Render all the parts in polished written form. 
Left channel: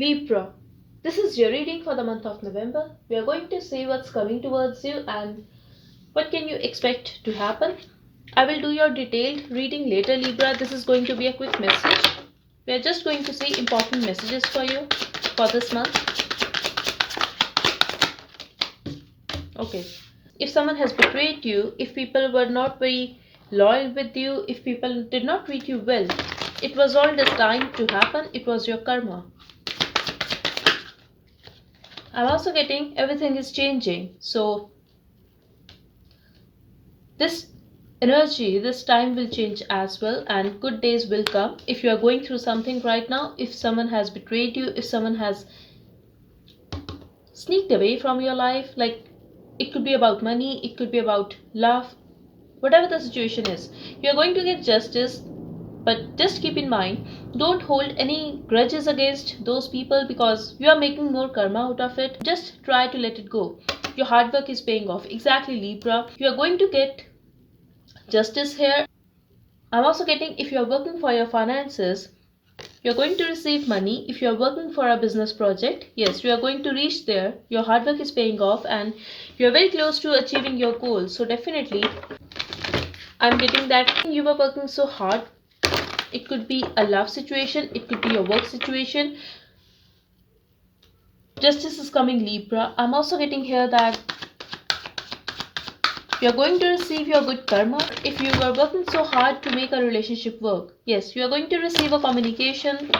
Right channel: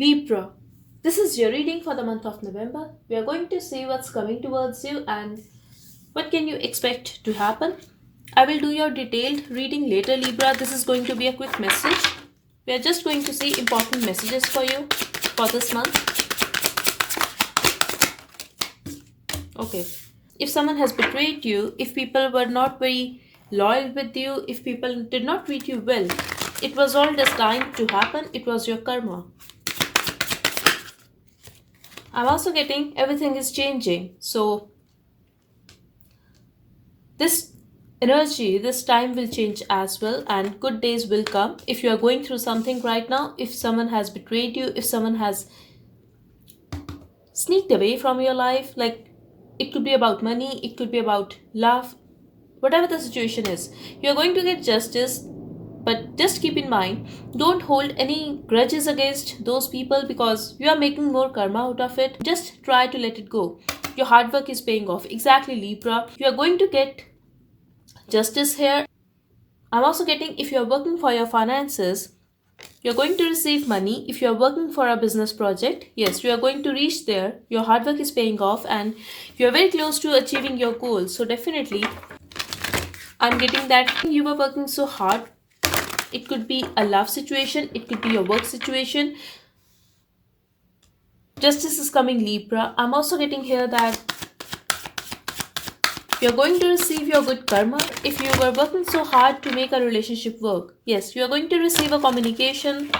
Libra, this is your reading for the month of November. We are going to see what's coming towards you and what can you expect to happen. I will do your detailed reading later, Libra. This is going to be a quick message. We are just going to see important messages for you for this month. Okay. If someone has betrayed you, if people were not very loyal with you, if people did not treat you well, it was all destined to happen. It was your karma. I'm also getting everything is changing. So this energy, this time will change as well, and good days will come. If you are going through something right now, if someone has betrayed you, if someone has sneaked away from your life, like it could be about money, it could be about love, whatever the situation is, you're going to get justice. But just keep in mind, don't hold any grudges against those people because you are making more karma out of it. Just try to let it go. Your hard work is paying off. Exactly, Libra. You are going to get justice here. I'm also getting, if you are working for your finances, you're going to receive money. If you're working for a business project, yes, you are going to reach there. Your hard work is paying off and you're very close to achieving your goals. So definitely, I'm getting that you were working so hard. It could be a love situation, it could be a work situation. Justice is coming, Libra. I'm also getting here that you're going to receive your good karma. If you were working so hard to make a relationship work, yes, you are going to receive a communication.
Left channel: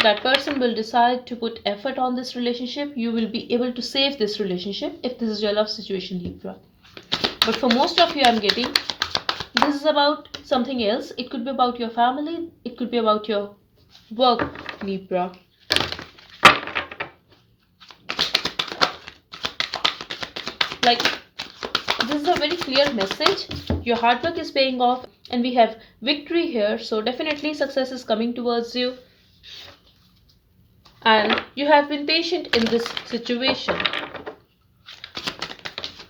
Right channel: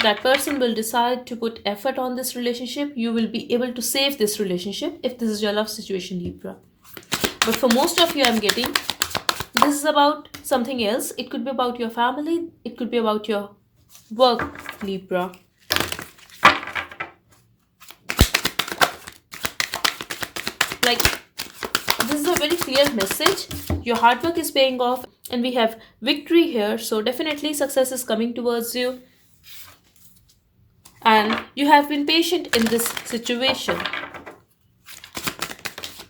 That person will decide to put effort on this relationship. You will be able to save this relationship if this is your love situation, Libra. But for most of you, I'm getting this is about something else. It could be about your family. It could be about your work, Libra. Like, this is a very clear message. Your hard work is paying off and we have victory here. So definitely success is coming towards you. And you have been patient in this situation.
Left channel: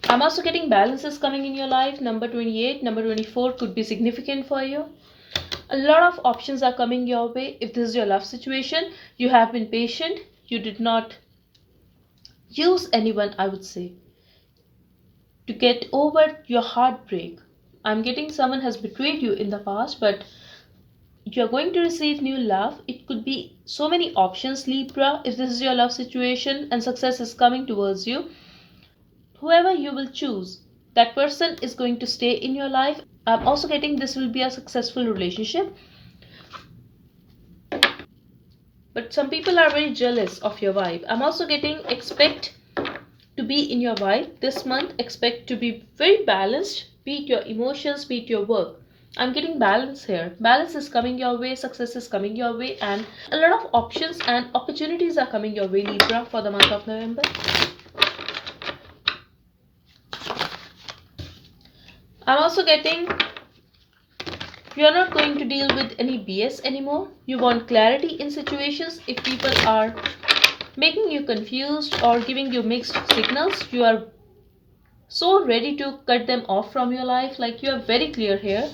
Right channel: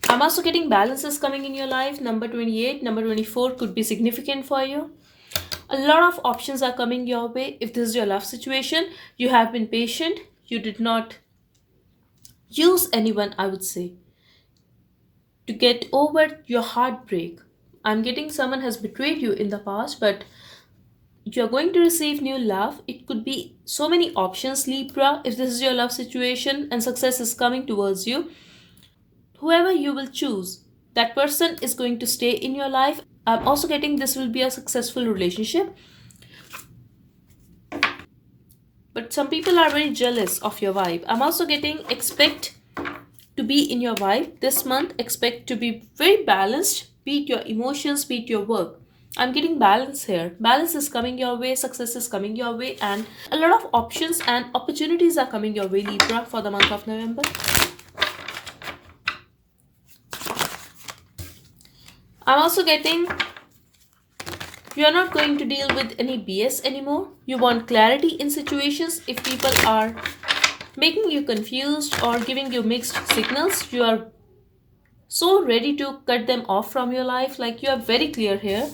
I'm also getting balances coming in your life. Number 28, number 24 could be significant for you. A lot of options are coming your way. If this is your love situation, you have been patient. You did not use anyone, I would say, to get over your heartbreak. I'm getting someone has betrayed you in the past, but you're going to receive new love. It could be so many options, Libra, if this is your love situation and success is coming towards you. Whoever you will choose, that person is going to stay in your life. I'm also getting this will be a successful relationship. But some people are very jealous of your vibe. I'm also getting expect to be in your vibe this month. Expect to be very balanced. Be it your emotions, be it your work. I'm getting balance here. Balance is coming your way, success is coming your way, and a lot of options and opportunities are coming your way, Libra, for the month of November. I'm also getting you are not going to deal with any BS anymore. You want clarity in situations. If people are making you confused or giving you mixed signals, you are so ready to cut them off from your life. Like, you are very clear here.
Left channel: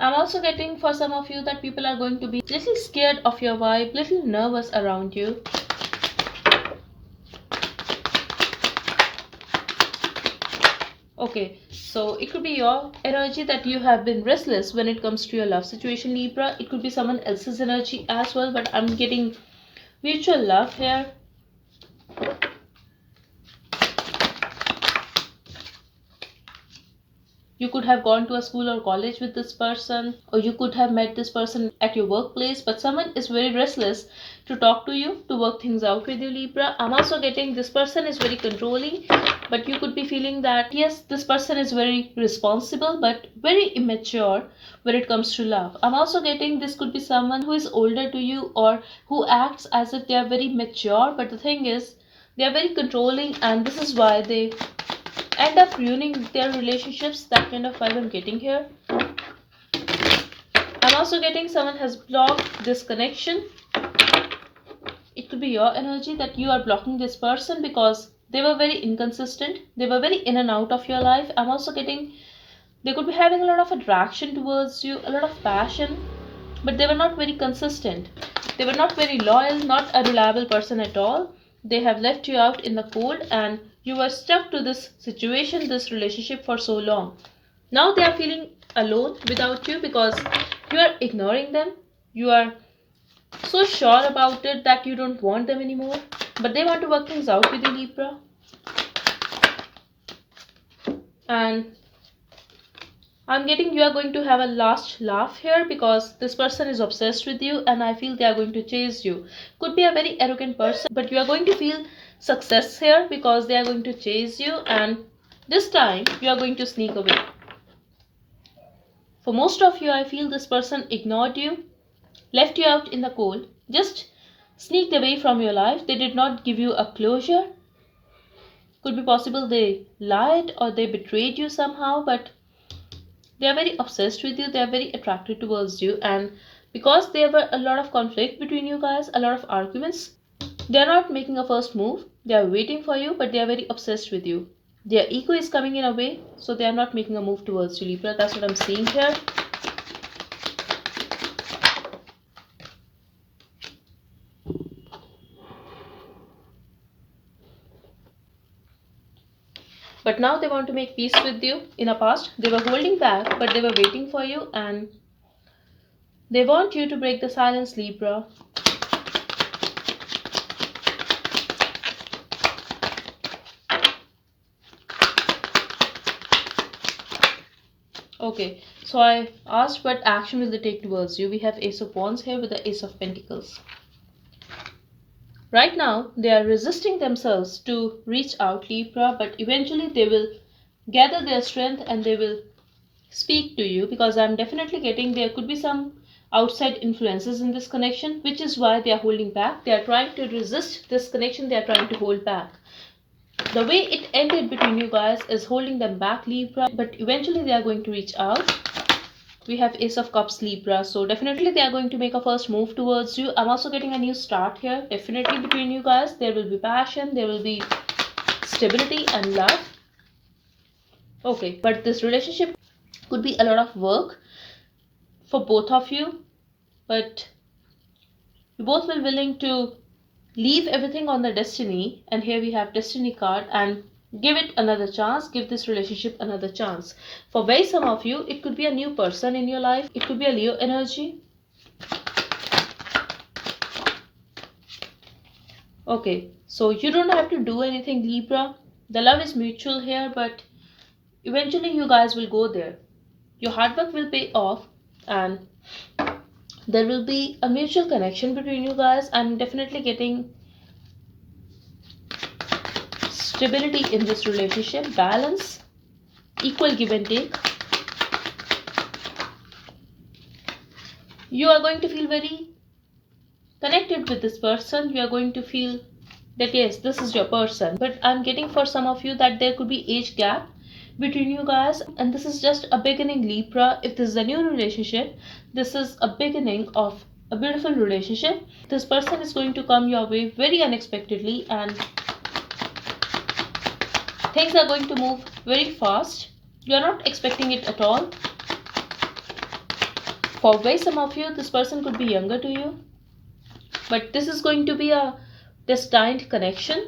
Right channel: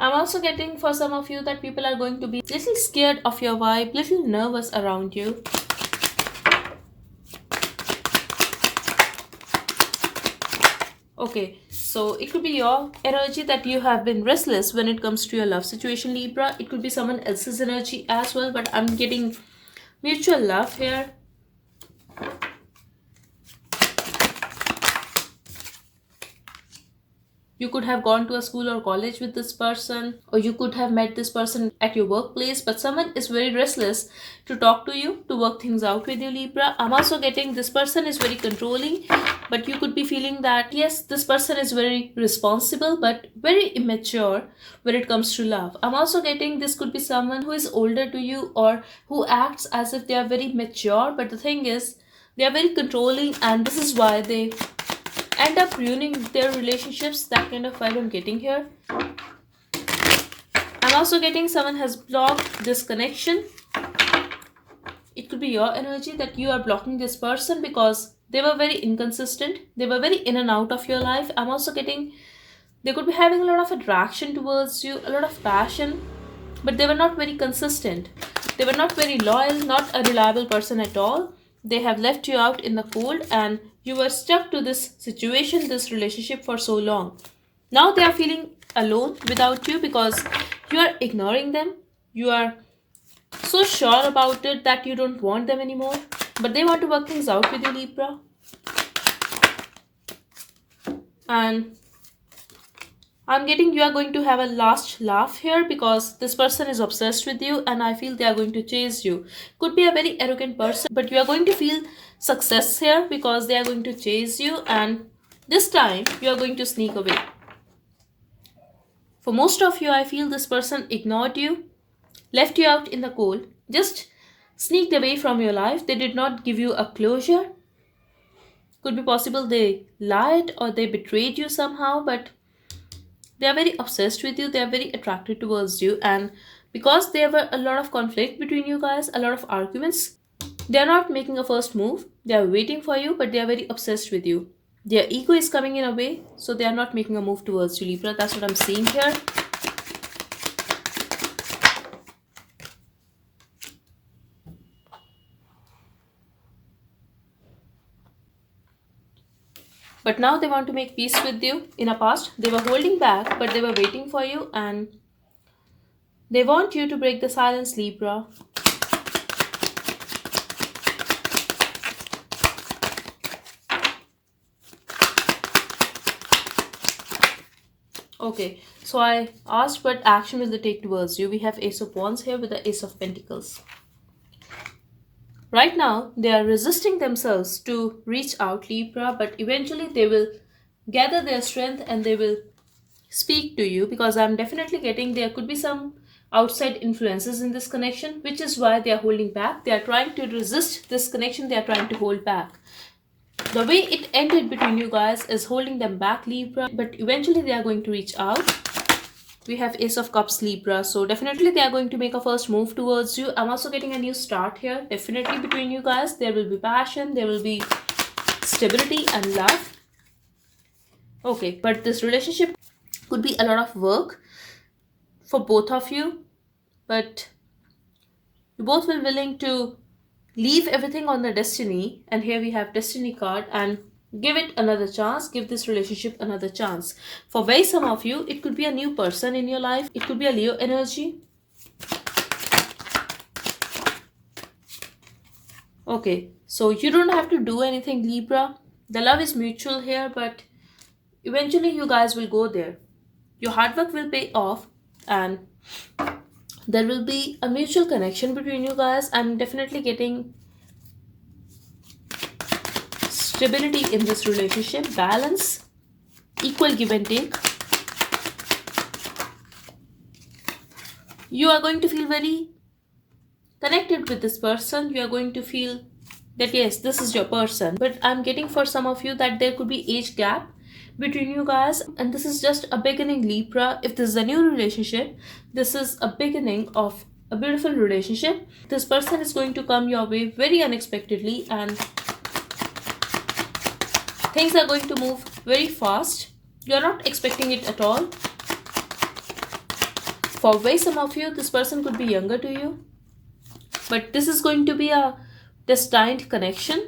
I'm also getting for some of you that people are going to be little scared of your vibe, little nervous around you. Okay, so it could be your energy that you have been restless when it comes to your love situation, Libra. It could be someone else's energy as well, but I'm getting mutual love here. You could have gone to a school or college with this person, or you could have met this person at your workplace, but someone is very restless to talk to you, to work things out with you, Libra. I'm also getting this person is very controlling, but you could be feeling that, yes, this person is very responsible, but very immature when it comes to love. I'm also getting this could be someone who is older to you or who acts as if they are very mature, but the thing is, they are very controlling, and this is why they end up ruining their relationships. That kind of vibe I'm getting here. I'm also getting someone has blocked this connection. It could be your energy that you are blocking this person because they were very inconsistent. They were very in and out of your life. I'm also getting they could be having a lot of attraction towards you, a lot of passion, but they were not very consistent. They were not very loyal, not a reliable person at all. They have left you out in the cold, and you were stuck to this situation, this relationship for so long. Now they are feeling alone without you because you are ignoring them. You are so sure about it that you don't want them anymore. But they want to work things out with you, Libra. And I'm getting you are going to have a last laugh here because this person is obsessed with you and I feel they are going to chase you. Could be a very arrogant person, but you are going to feel success here because they are going to chase you, and this time you are going to sneak away. For most of you, I feel this person ignored you, left you out in the cold, just sneaked away from your life. They did not give you a closure. Could be possible they lied or they betrayed you somehow, but they are very obsessed with you, they are very attracted towards you, and because there were a lot of conflict between you guys, a lot of arguments, they are not making a first move. They are waiting for you, but they are very obsessed with you. Their ego is coming in a way, so they are not making a move towards you, Libra. That's what I'm seeing here. But now they want to make peace with you. In the past, they were holding back, but they were waiting for you, and they want you to break the silence, Libra. Okay, so I asked what action will they take towards you. We have Ace of Wands here with the Ace of Pentacles. Right now, they are resisting themselves to reach out, Libra, but eventually they will gather their strength and they will speak to you, because I'm definitely getting there could be some outside influences in this connection, which is why they are holding back. They are trying to resist this connection, they are trying to hold back. The way it ended between you guys is holding them back, Libra, but eventually they are going to reach out. We have Ace of Cups, Libra, so definitely they are going to make a first move towards you. I'm also getting a new start here. Definitely between you guys there will be passion, there will be stability and love. Okay, but this relationship could be a lot of work for both of you, but you both will willing to leave everything on the destiny, and here we have destiny card, and give it another chance, give this relationship another chance. For very some of you, it could be a new person in your life, it could be a Leo energy. Okay, so you don't have to do anything, Libra. The love is mutual here, but eventually you guys will go there. Your hard work will pay off, and there will be a mutual connection between you guys. I'm definitely getting stability in this relationship, balance, equal give and take. You are going to feel very connected with this person. You are going to feel that yes, this is your person. But I'm getting for some of you that there could be age gap between you guys, and this is just a beginning, Libra. If this is a new relationship, this is a beginning of a beautiful relationship. This person is going to come your way very unexpectedly, and things are going to move very fast. You are not expecting it at all. For way some of you, this person could be younger to you, but this is going to be a destined connection.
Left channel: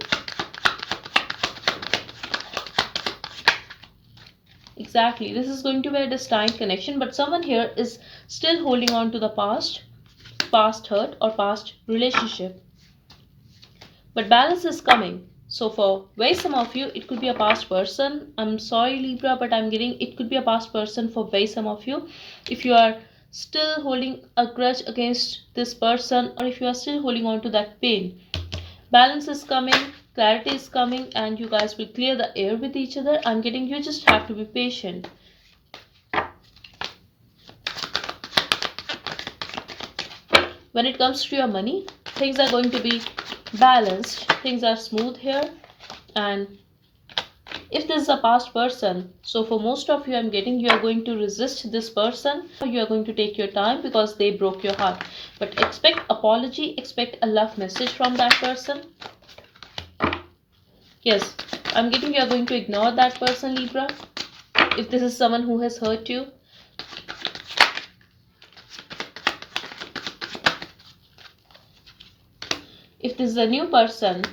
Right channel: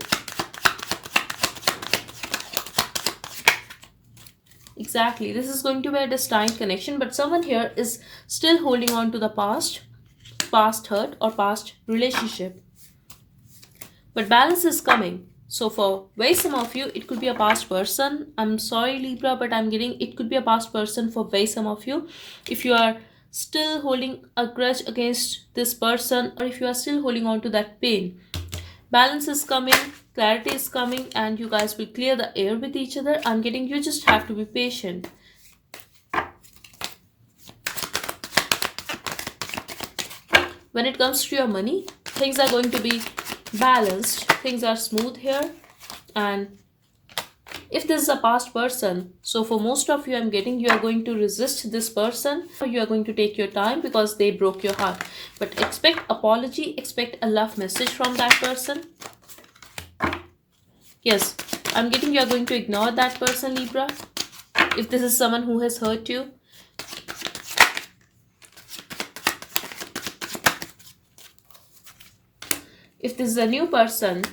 Exactly, this is going to be a destined connection, but someone here is still holding on to the past hurt or past relationship. But balance is coming. So for very some of you, it could be a past person. I'm sorry, Libra, but I'm getting it could be a past person for very some of you. If you are still holding a grudge against this person, or if you are still holding on to that pain, balance is coming, clarity is coming, and you guys will clear the air with each other. I'm getting you just have to be patient. When it comes to your money, things are going to be balanced, things are smooth here. And if this is a past person, so for most of you, I'm getting you are going to resist this person, or you are going to take your time because they broke your heart. But expect apology, expect a love message from that person. Yes, I'm getting you are going to ignore that person, Libra, if this is someone who has hurt you. if this is a new person,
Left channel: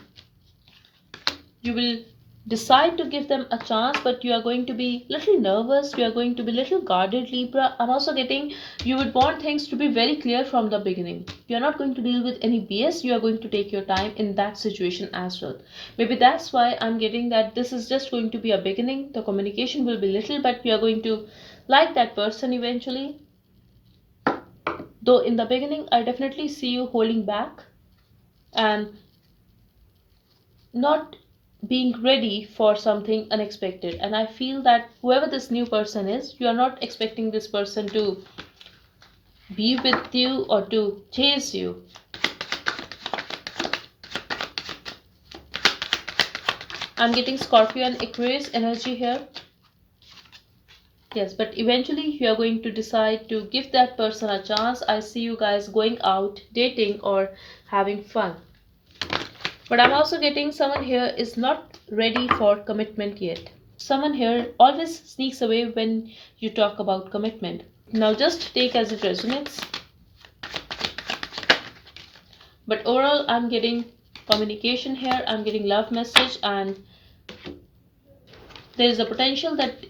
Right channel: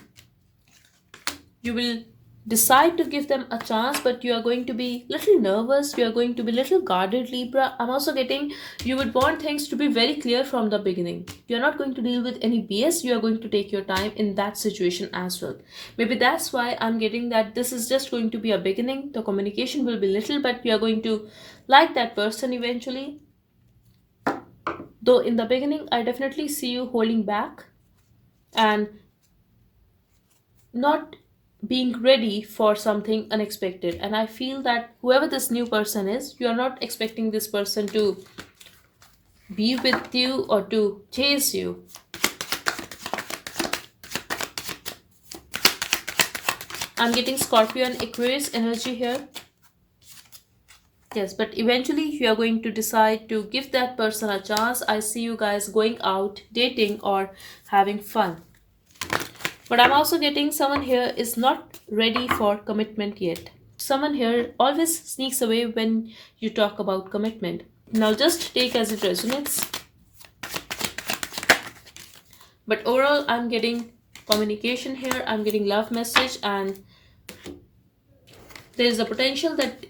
you will decide to give them a chance, but you are going to be little nervous, you are going to be little guarded, Libra. I'm also getting you would want things to be very clear from the beginning. You're not going to deal with any BS, you are going to take your time in that situation as well. Maybe that's why I'm getting that this is just going to be a beginning. The communication will be little, but you are going to like that person eventually. Though in the beginning, I definitely see you holding back and not being ready for something unexpected. And I feel that whoever this new person is, you are not expecting this person to be with you or to chase you. I'm getting Scorpio and Aquarius energy here. Yes, but eventually you are going to decide to give that person a chance. I see you guys going out, dating, or having fun. But I'm also getting someone here is not ready for commitment yet. Someone here always sneaks away when you talk about commitment. Now just take as it resonates. But overall, I'm getting communication here. I'm getting love message, and there is a potential that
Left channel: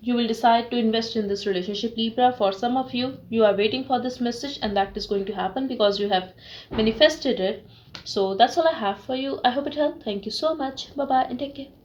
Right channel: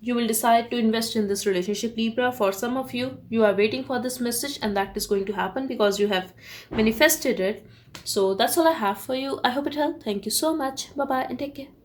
you will decide to invest in this relationship, Libra. For some of you, you are waiting for this message, and that is going to happen because you have manifested it. So that's all I have for you. I hope it helped. Thank you so much. Bye bye and take care.